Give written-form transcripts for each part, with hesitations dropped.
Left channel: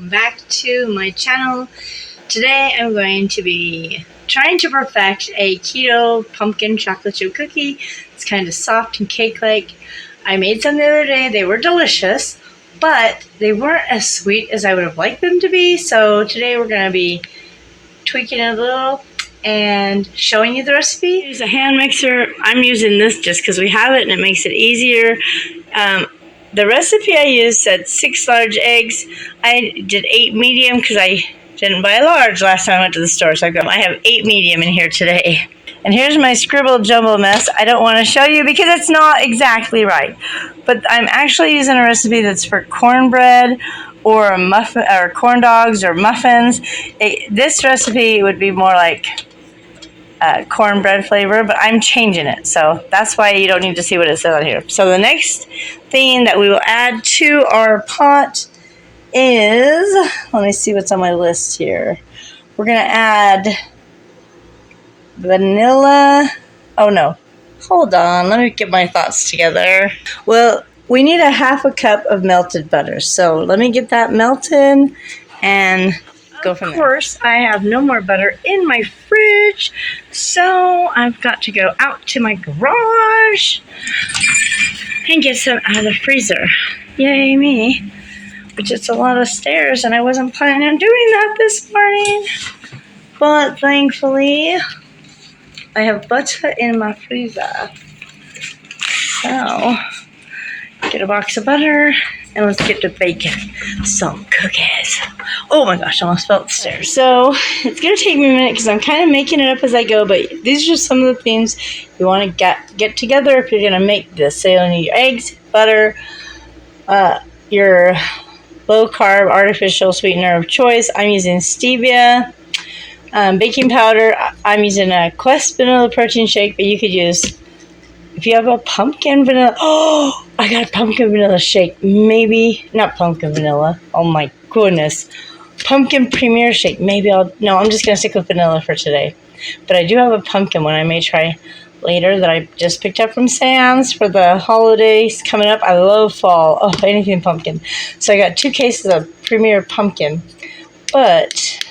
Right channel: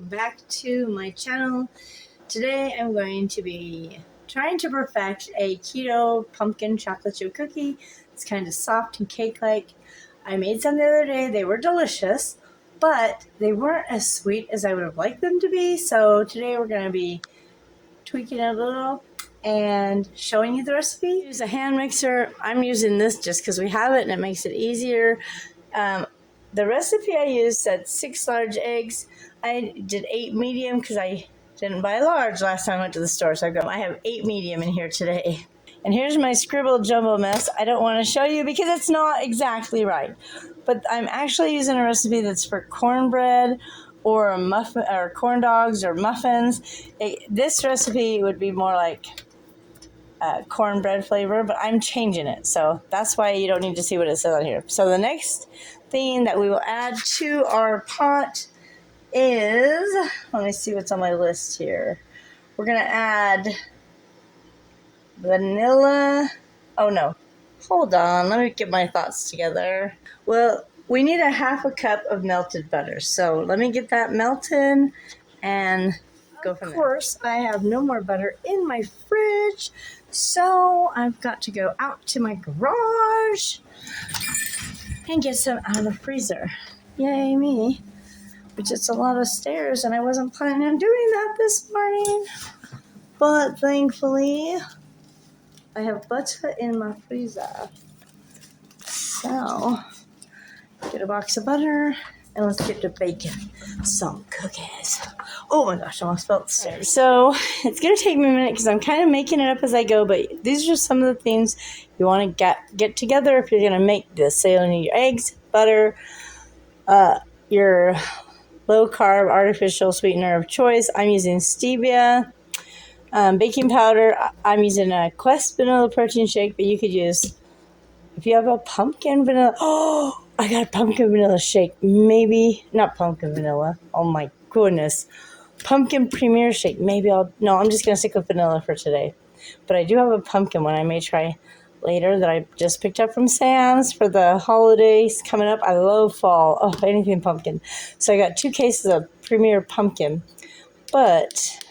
welcome back to my channel. Today I'm going to be trying to perfect a keto pumpkin chocolate chip cookie. It's kind of soft and cake-like. I made some the other day. They were delicious, but they weren't as sweet as I would have liked them to be. So today we're going to be tweaking it a little and showing you the recipe. Use a hand mixer. I'm using this just because we have it and it makes it easier. The recipe I used said 6 large eggs. I did 8 medium because I didn't buy a large last time I went to the store. So I have 8 medium in here today. And here's my scribbled jumble mess. I don't want to show you because it's not exactly right. But I'm actually using a recipe that's for cornbread or a muffin or corn dogs or muffins. This recipe would be more like cornbread flavor, but I'm changing it, so that's why you don't need to see what it says on here. So the next thing that we will add to our pot is, let me see what's on my list here. We're gonna add vanilla. Oh no, hold on, let me get my thoughts together. Well, we need a half a cup of melted butter, so let me get that melted and go from there. Of course, I have no more butter in my fridge, so I've got to go out to my garage and get some out of the freezer. Yay me. Which it's a lot of stairs, and I wasn't planning on doing that this morning. But thankfully, I have butter in my freezer. So, get a box of butter. And let's get to baking some cookies. Oh my gosh, I almost fell upstairs. So it's going to take me a minute because I'm kind of making it up as I go. But these are just some of the things you want to get together if you're going to make this. So you'll need your eggs, butter, your low-carb artificial sweetener of choice. I'm using stevia. Baking powder. I'm using a Quest vanilla protein shake, but you could use... If you have a pumpkin vanilla, oh, I got a pumpkin vanilla shake. Maybe, not pumpkin vanilla. Oh my goodness. Pumpkin premier shake. Maybe I'm just going to stick with vanilla for today. But I do have a pumpkin one I may try later that I just picked up from Sam's for the holidays coming up. I love fall. Oh, anything pumpkin. So I got 2 cases of premier pumpkin. But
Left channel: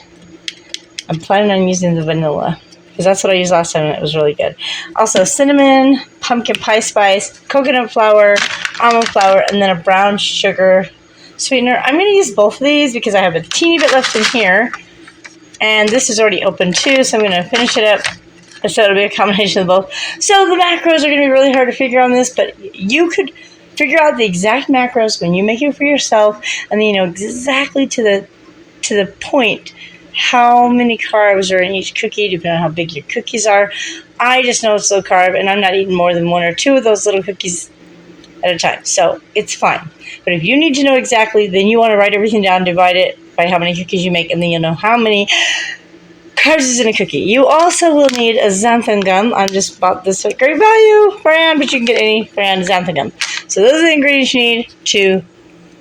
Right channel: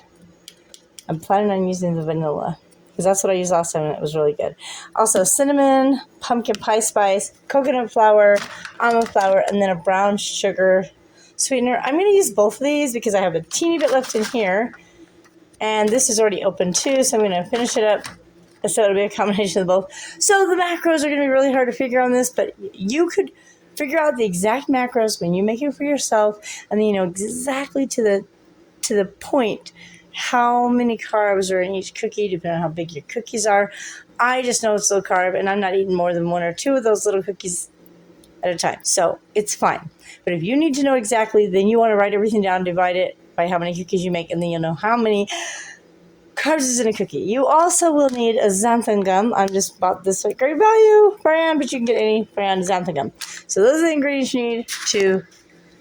I'm planning on using the vanilla, because that's what I used last time and it was really good. Also cinnamon, pumpkin pie spice, coconut flour, almond flour, and then a brown sugar sweetener. I'm going to use both of these because I have a teeny bit left in here. And this is already open too, so I'm going to finish it up. So it'll be a combination of both. So the macros are going to be really hard to figure on this, but you could figure out the exact macros when you make it for yourself, and then you know exactly to the point how many carbs are in each cookie, depending on how big your cookies are. I just know it's low carb, and I'm not eating more than 1 or 2 of those little cookies at a time, so it's fine. But if you need to know exactly, then you want to write everything down, divide it by how many cookies you make, and then you'll know how many carbs is in a cookie. You also will need a xanthan gum. I just bought this at great value brand, but you can get any brand xanthan gum. So those are the ingredients you need to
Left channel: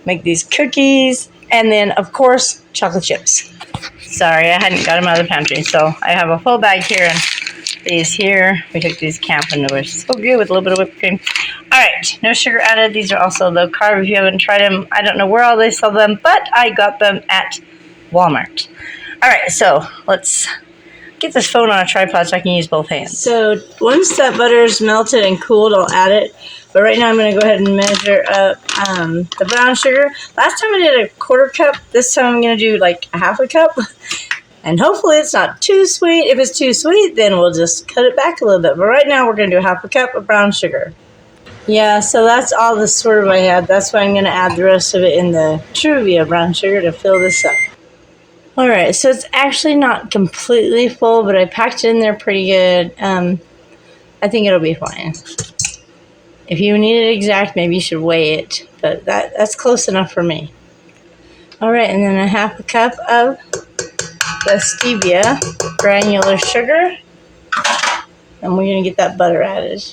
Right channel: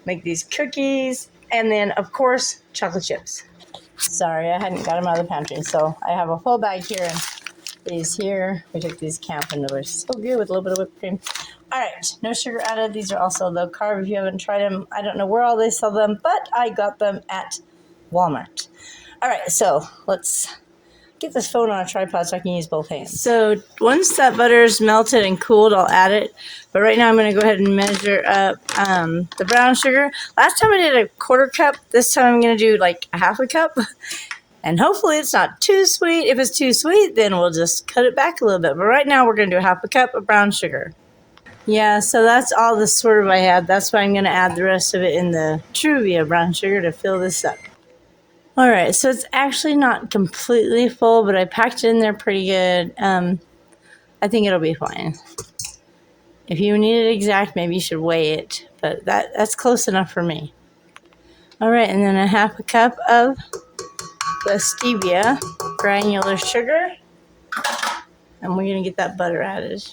make these cookies, and then of course chocolate chips. Sorry, I hadn't got them out of the pantry, so I have a full bag here and these here. We took these camping, and they were so good with a little bit of whipped cream. All right, no sugar added. These are also low carb. If you haven't tried them, I don't know where all they sell them, but I got them at Walmart. All right, so let's get this phone on a tripod so I can use both hands. So once that butter is melted and cooled, I'll add it. But right now I'm going to go ahead and measure up the brown sugar. Last time I did a 1/4 cup. This time I'm going to do like a 1/2 cup. And hopefully it's not too sweet. If it's too sweet, then we'll just cut it back a little bit. But right now we're going to do a 1/2 cup of brown sugar. Yeah, so that's all the sort of I had. That's why I'm going to add the rest of it in the Truvia brown sugar to fill this up. All right, so it's actually not completely full, but I packed it in there pretty good. I think it'll be fine. If you need it exact, maybe you should weigh it, but that's close enough for me. All right, and then a 1/2 cup of the stevia granular sugar, and we're gonna get that butter added.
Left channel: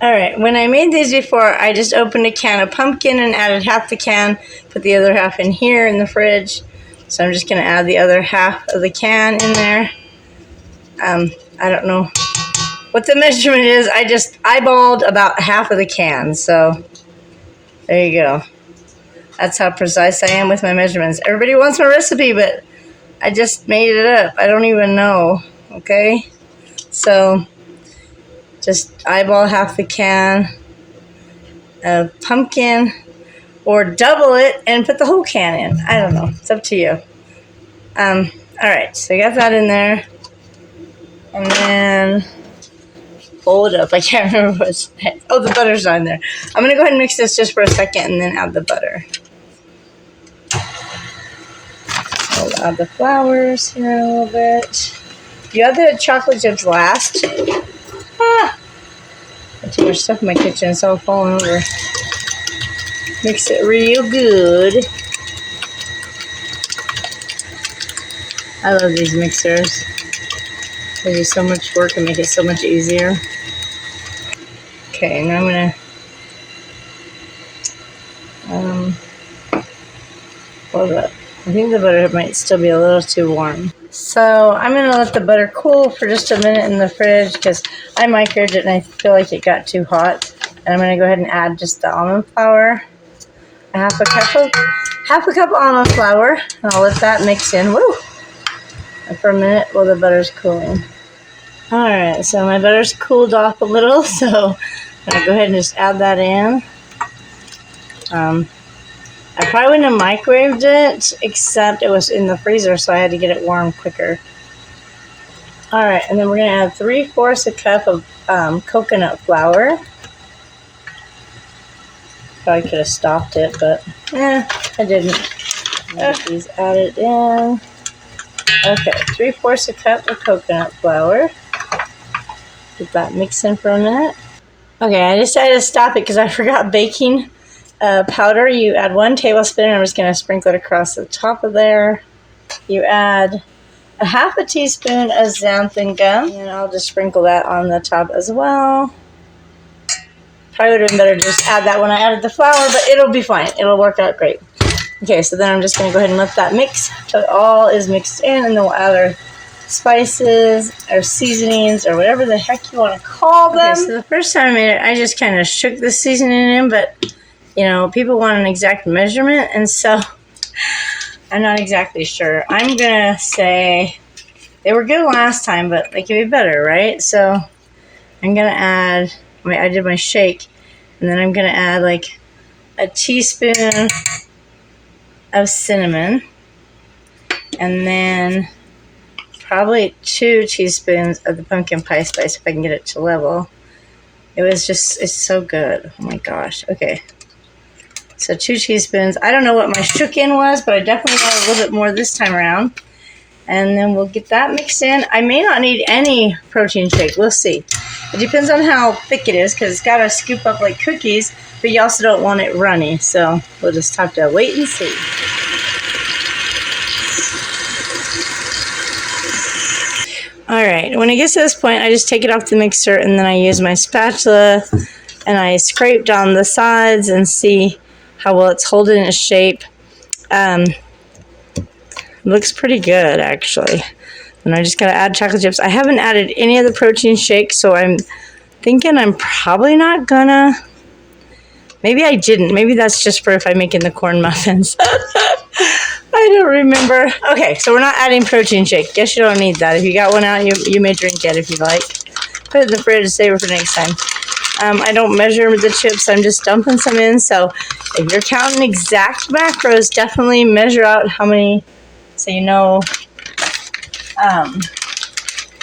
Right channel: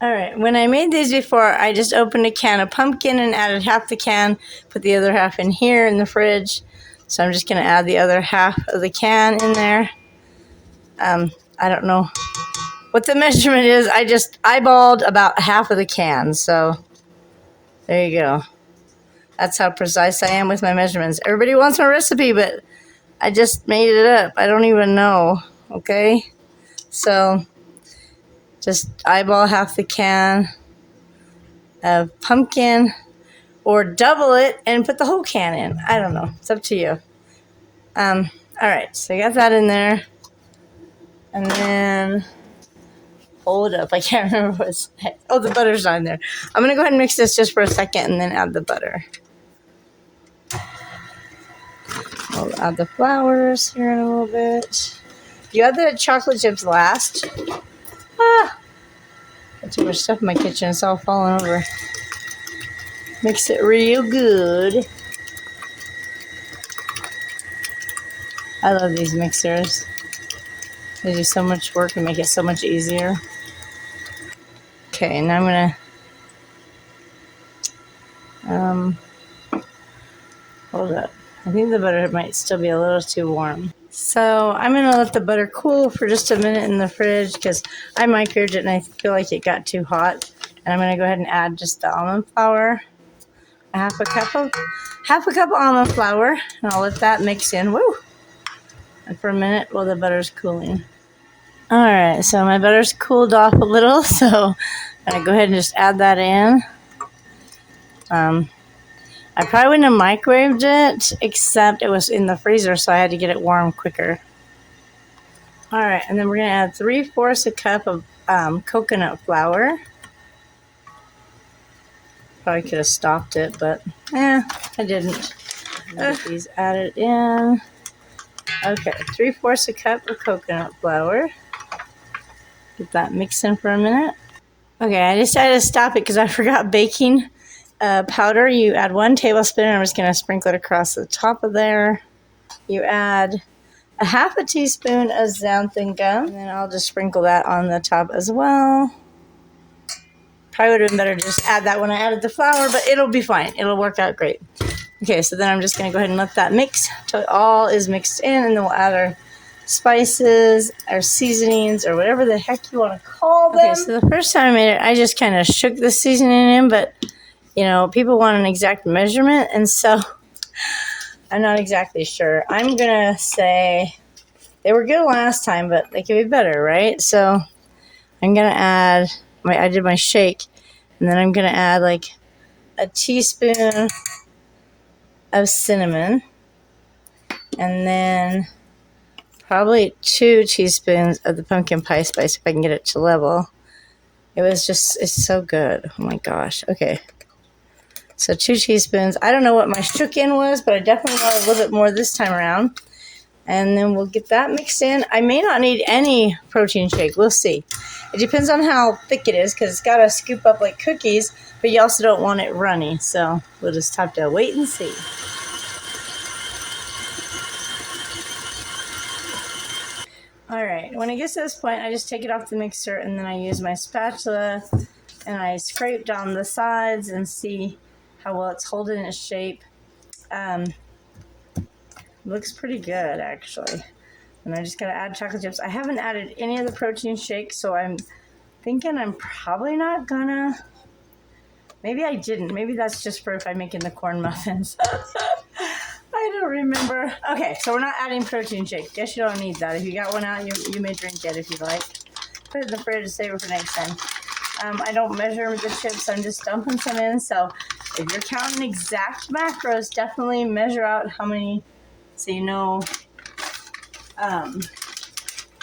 All right, when I made these before, I just opened a can of pumpkin and added 1/2 the can, put the other 1/2 in here in the fridge. So I'm just gonna add the other 1/2 of the can in there. I don't know what the measurement is. I just eyeballed about 1/2 of the can, so there you go. That's how precise I am with my measurements. Everybody wants my recipe, but I just made it up. I don't even know, okay? So just eyeball half the can of pumpkin, or double it and put the whole can in. I don't know. It's up to you. All right, so I got that in there. And then hold up. I can't remember what's next. Oh, the butter's on there. I'm going to go ahead and mix this just for a second and then add the butter. So I'll add the flowers here in a little bit. You add the chocolate chips last. Got too much stuff in my kitchen. It's all falling over. Mix it real good. I love these mixers. They do so much work and make it so much easier. Okay, now I'm gonna hold up. I think the butter might still be a little too warm. So I'm gonna let the butter cool for just a minute in the fridge because I microwaved it and I feel like it got too hot. And I'm gonna go ahead and add just the almond flour. Half a cup of almond flour, and I'll let that mix in. Woo! And for a minute while the butter's cooling. All right, so my butter's cooled off a little, so I'm gonna go ahead and just add that in. I probably wouldn't have microwaved it, except it was in the freezer, so I had to get it warm quicker. All right, and then we're gonna add 3/4 a cup of coconut flour. Probably could have stopped it, but I didn't. These added in. Okay, 3/4 a cup of coconut flour. Let that mix in for a minute. Okay, I decided to stop it because I forgot baking powder. You add 1 tablespoon, and I'm just going to sprinkle it across the top of there. You add a 1/2 teaspoon of xanthan gum, and I'll just sprinkle that on the top as well. Probably would have been better to just add that when I added the flour, but it'll be fine. It'll work out great. Okay, so then I'm just going to go ahead and let that mix till it all is mixed in, and then we'll add our spices, our seasonings, or whatever the heck you want to call them. Okay, so the first time I made it, I just kind of shook the seasoning in, but, you know, people want an exact measurement, and so I'm not exactly sure. I'm going to say they were good last time, but they could be better, right? So I'm going to add, I did my shake, and then I'm going to add like a teaspoon of cinnamon, and then probably 2 teaspoons of the pumpkin pie spice if I can get it to level. It's so good. Oh my gosh. Okay. So 2 teaspoons. I don't know what my shook-in was, but I definitely want a little bit more this time around. And then we'll get that mixed in. I may not need any protein shake. We'll see. It depends on how thick it is because it's got to scoop up like cookies, but you also don't want it runny. So we'll just have to wait and see. All right, when it gets to this point, I just take it off the mixer and then I use my spatula and I scrape down the sides and see how well it's holding its shape. Looks pretty good, actually. And I just gotta add chocolate chips. I haven't added any of the protein shake, so I'm thinking I'm probably not gonna. Maybe I didn't. Maybe that's just for if I'm making the corn muffins. I don't remember. Okay, so we're not adding protein shake. Guess you don't need that. If you got one out, you may drink it if you like. Put it in the fridge, save it for next time. I don't measure the chips. I'm just dumping some in. So if you're counting exact macros, definitely measure out how many, so you know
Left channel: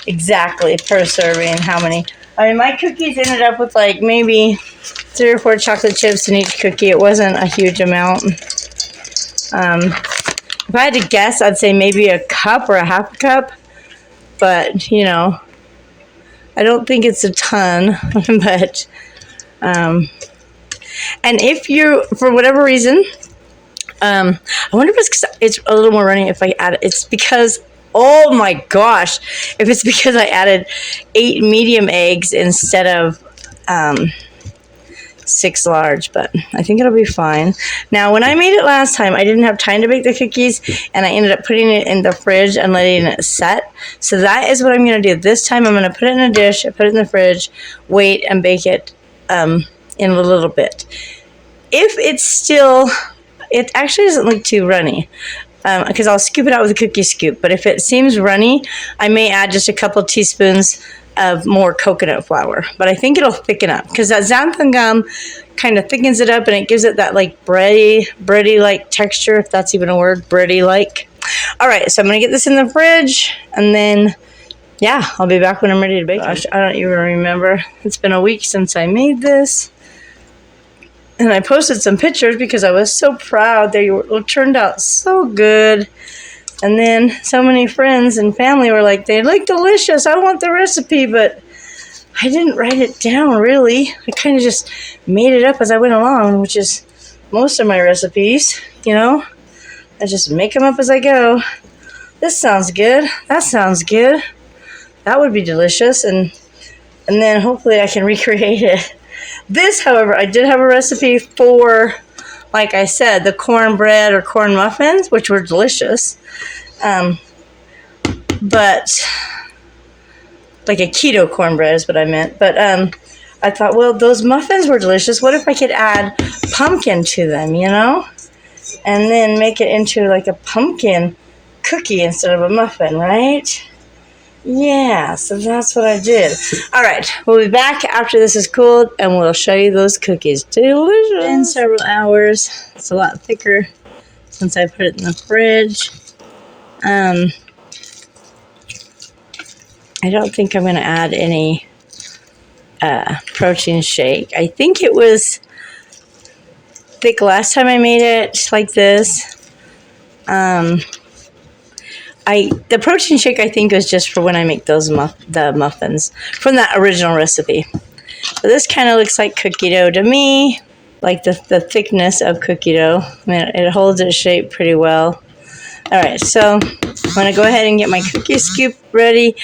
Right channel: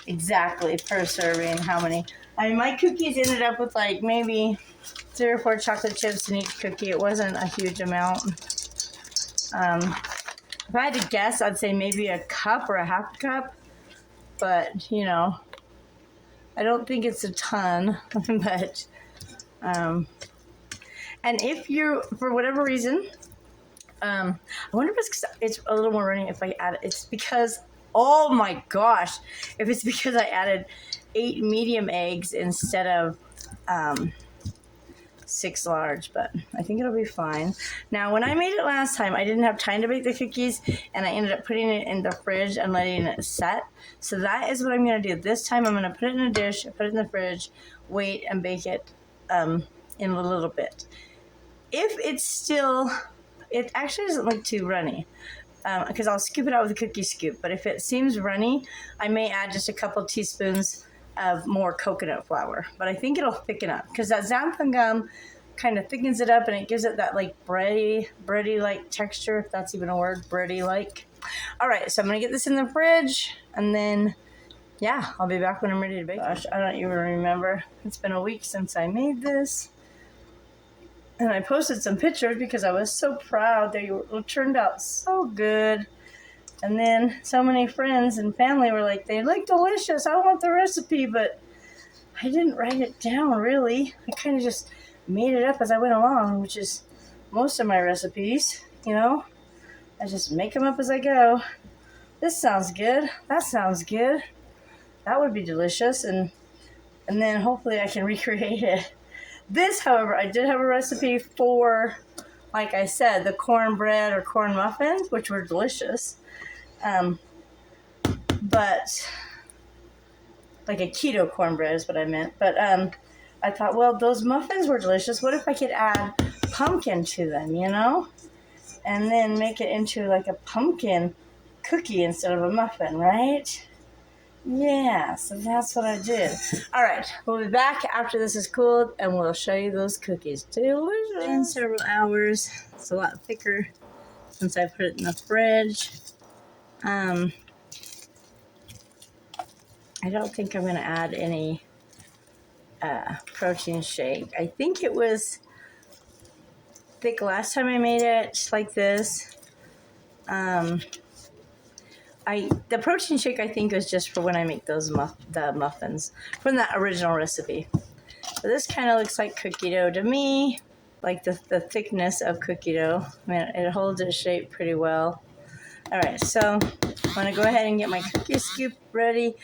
exactly per serving how many. I mean, my cookies ended up with like maybe 3 or 4 chocolate chips in each cookie. It wasn't a huge amount. If I had to guess, I'd say maybe a cup or a 1/2 cup. But, you know, I don't think it's a ton. But, and if you, for whatever reason, I wonder if it's because it's a little more runny if I add it. It's because, oh my gosh, if it's because I added 8 medium eggs instead of 6 large, but I think it'll be fine. Now, when I made it last time, I didn't have time to bake the cookies, and I ended up putting it in the fridge and letting it set. So that is what I'm going to do. This time, I'm going to put it in a dish, put it in the fridge, wait, and bake it in a little bit. If it's still it actually doesn't look too runny. Because I'll scoop it out with a cookie scoop. But if it seems runny, I may add just a couple teaspoons of more coconut flour. But I think it'll thicken up because that xanthan gum kind of thickens it up and it gives it that like bready-like texture, if that's even a word, bready-like. All right, so I'm going to get this in the fridge and then, yeah, I'll be back when I'm ready to bake. Gosh, I don't even remember. It's been a week since I made this. And I posted some pictures because I was so proud. They turned out so good. And then so many friends and family were like, they look delicious. I want the recipe, but I didn't write it down, really. I kind of just made it up as I went along, which is most of my recipes, you know. I just make them up as I go. This sounds good. That sounds good. That would be delicious. And then hopefully I can recreate it. This, however, I did have a recipe for, like I said, the cornbread or corn muffins, which were delicious. But, like a keto cornbread is what I meant. But I thought, well, those muffins were delicious. What if I could add pumpkin to them, you know? And then make it into like a pumpkin cookie instead of a muffin, right? Yeah, so that's what I did. All right, we'll be back after this is cooled, and we'll show you those cookies. Delicious. In several hours. It's a lot thicker since I put it in the fridge. I don't think I'm going to add any protein shake. I think it was thick last time I made it like this. The protein shake, I think, was just for when I make those the muffins from that original recipe. But this kind of looks like cookie dough to me, like the thickness of cookie dough. I mean, it holds its shape pretty well. All right, so I'm going to go ahead and get my cookie scoop ready.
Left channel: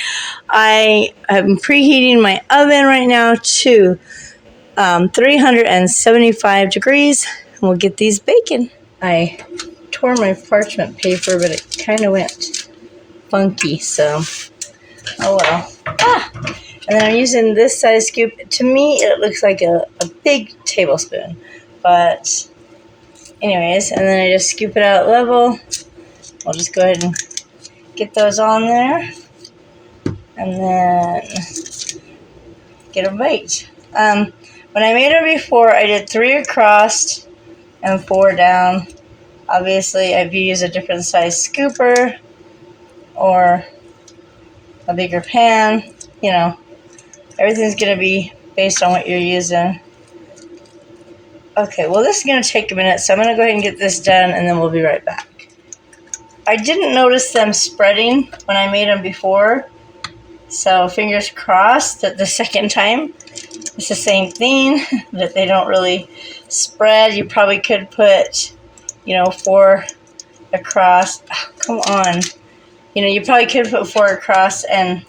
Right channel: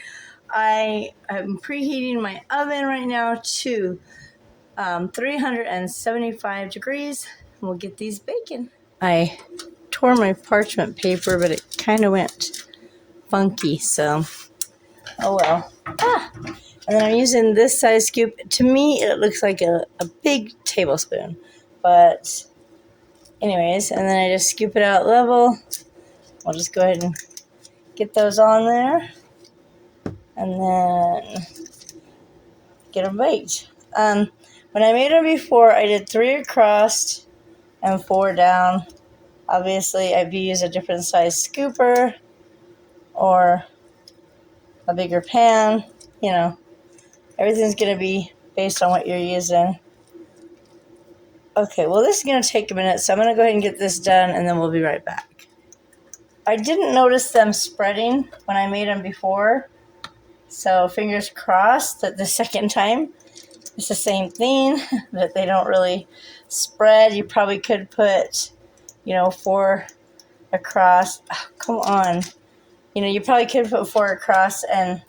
I am preheating my oven right now to 375 degrees, and we'll get these baking. I tore my parchment paper, but it kind of went funky, so oh well. And then I'm using this size scoop. To me, it looks like a big tablespoon, but anyways, and then I just scoop it out level. I'll just go ahead and get those on there, and then get them baked. When I made it before, I did 3 across and 4 down. Obviously, if you use a different size scooper or a bigger pan, you know, everything's going to be based on what you're using. Okay, well, this is going to take a minute, so I'm going to go ahead and get this done, and then we'll be right back. I didn't notice them spreading when I made them before, so fingers crossed that the second time it's the same thing, that they don't really spread. You probably could put, 4 across. Oh, come on. You probably could put 4 across and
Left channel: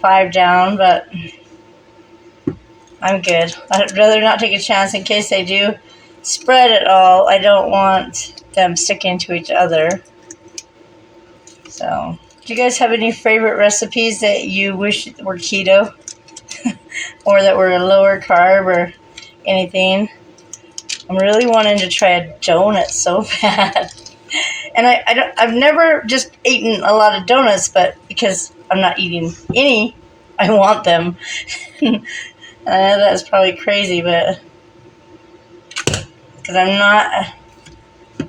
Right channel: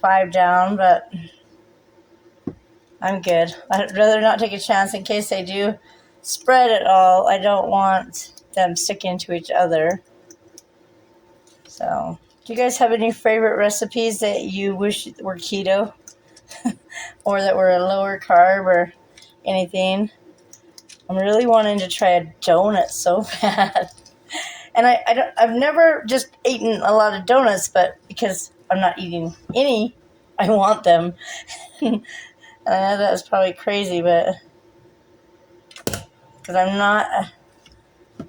5 down, but I'm good. I'd rather not take a chance in case they do spread at all. I don't want them sticking to each other. So, do you guys have any favorite recipes that you wish were keto? Or that were a lower carb or anything? I'm really wanting to try a donut so bad. And I've never just eaten a lot of donuts, but because I'm not eating any, I want them. And I know that's probably crazy, but because I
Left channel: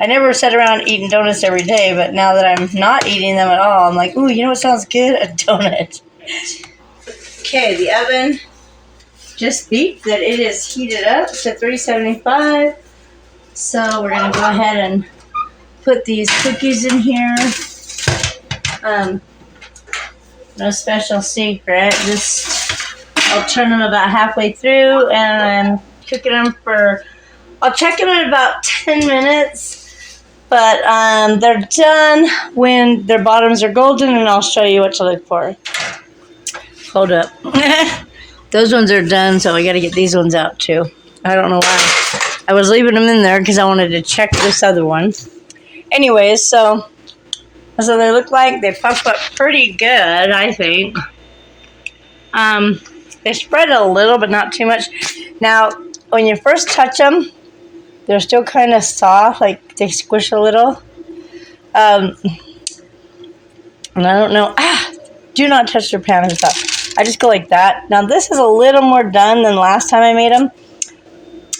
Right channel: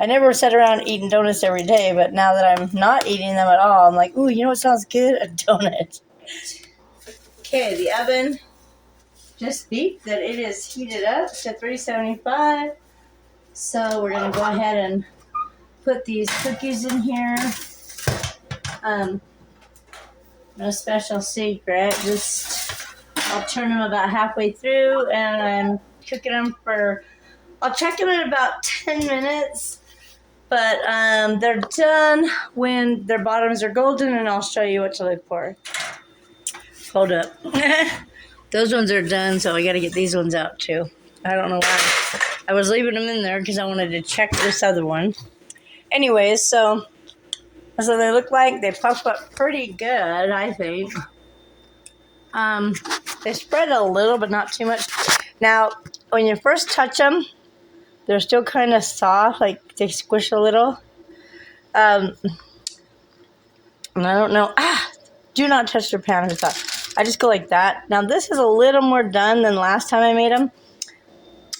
never sat around eating donuts every day, but now that I'm not eating them at all, I'm like, ooh, you know what sounds good? A donut. Okay, the oven just beeped that it is heated up to 375. So we're going to go ahead and put these cookies in here. No special secret. Just I'll turn them about halfway through and cooking them I'll check them in about 10 minutes. But they're done when their bottoms are golden, and I'll show you what to look for. Hold up. Those ones are done, so I got to get these ones out too. I don't know why. I was leaving them in there because I wanted to check this other one. Anyways, so that's what they look like. They puff up pretty good, I think. They spread a little, but not too much. Now, when you first touch them, they're still kind of soft, like they squish a little. And I don't know. Do not touch your pan and stuff. I just go like that. Now this is a little more done than last time I made them.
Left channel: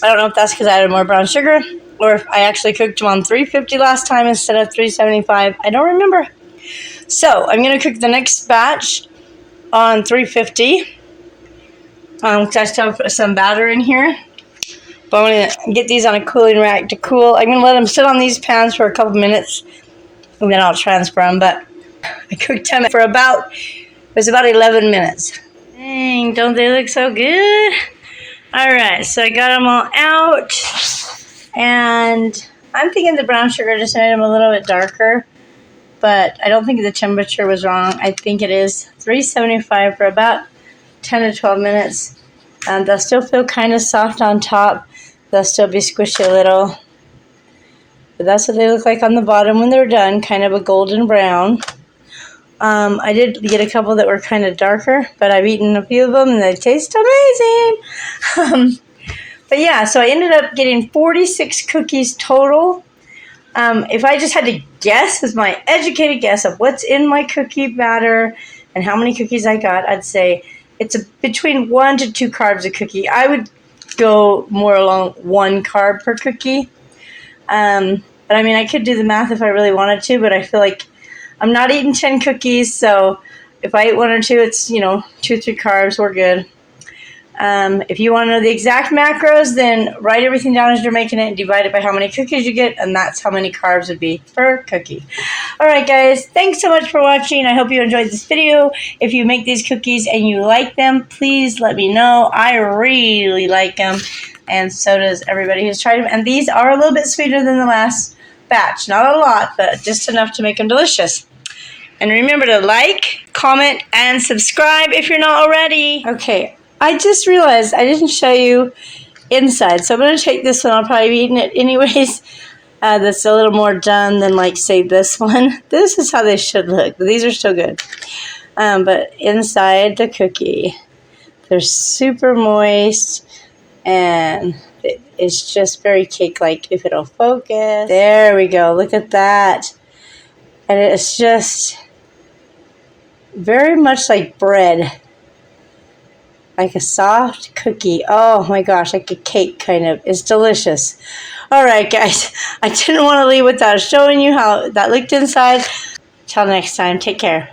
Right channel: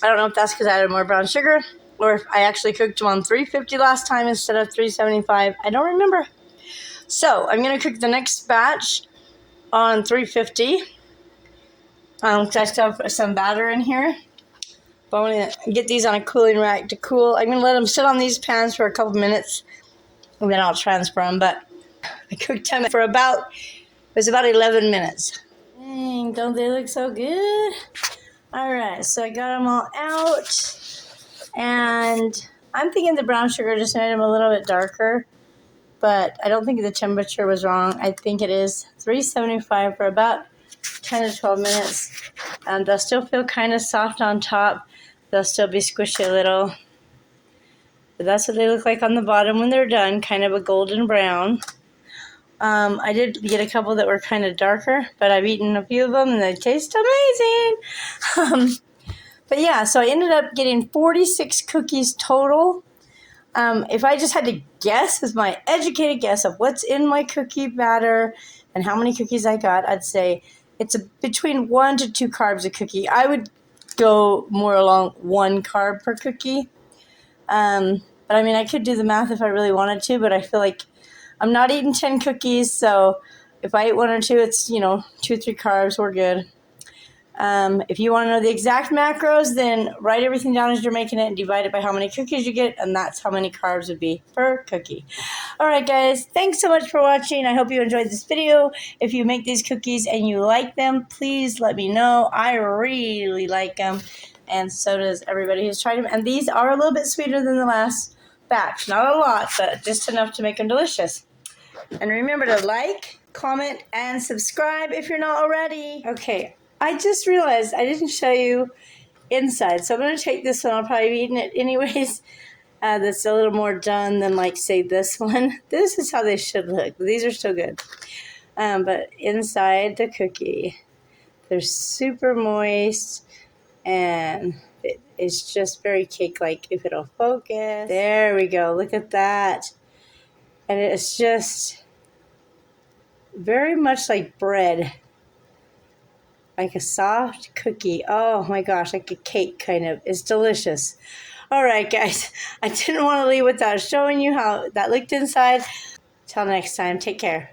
I don't know if that's because I added more brown sugar or if I actually cooked them on 350 last time instead of 375. I don't remember. So I'm going to cook the next batch on 350. I still have some batter in here. But I'm going to get these on a cooling rack to cool. I'm going to let them sit on these pans for a couple minutes. And then I'll transfer them. But I cooked them for about 11 minutes. Dang, don't they look so good? Alright, so I got them all out. And I'm thinking the brown sugar just made them a little bit darker. But I don't think the temperature was wrong. I think it is 375 for about 10 to 12 minutes. They'll still feel kind of soft on top. They'll still be squishy a little. But that's what they look like on the bottom when they're done, kind of a golden brown. I did get a couple that were kind of darker, but I've eaten a few of them and they taste amazing. But yeah, so I ended up getting 46 cookies total. If I just had to guess, as my educated guess of what's in my cookie batter and how many cookies I got, I'd say it's between 1 to 2 carbs a cookie. I would go more along 1 carb per cookie. But I mean, I could do the math if I really wanted to, but I feel like I'm not eating 10 cookies, so if I eat 1 or 2, it's, 2 or 3 carbs, we're good. If you want to know the exact macros, then write everything down as you're making it and divide it by how many cookies you get, and that's how many carbs would be per cookie. Alright guys, thanks so much for watching. I hope you enjoyed this video. If you make these cookies and you like them, please let me know. I really like them, and so does everybody who's tried them. And these are a little bit sweeter than the last batch. Not a lot, but just enough to make them delicious. And remember to like, comment, and subscribe if you're not already. Okay, I just realized I didn't show you inside, so I'm going to take this one. I'll probably be eating it anyways. That's a little more done than, like, say, this one. This is how they should look. These are still good. But inside the cookie, they're super moist, and it's just very cake-like. If it'll focus. There we go. Look at that. And it's just very much like bread. Like a soft cookie. Oh my gosh, like a cake kind of. It's delicious. Alright guys, I didn't want to leave without showing you how that looked inside. Till next time, take care.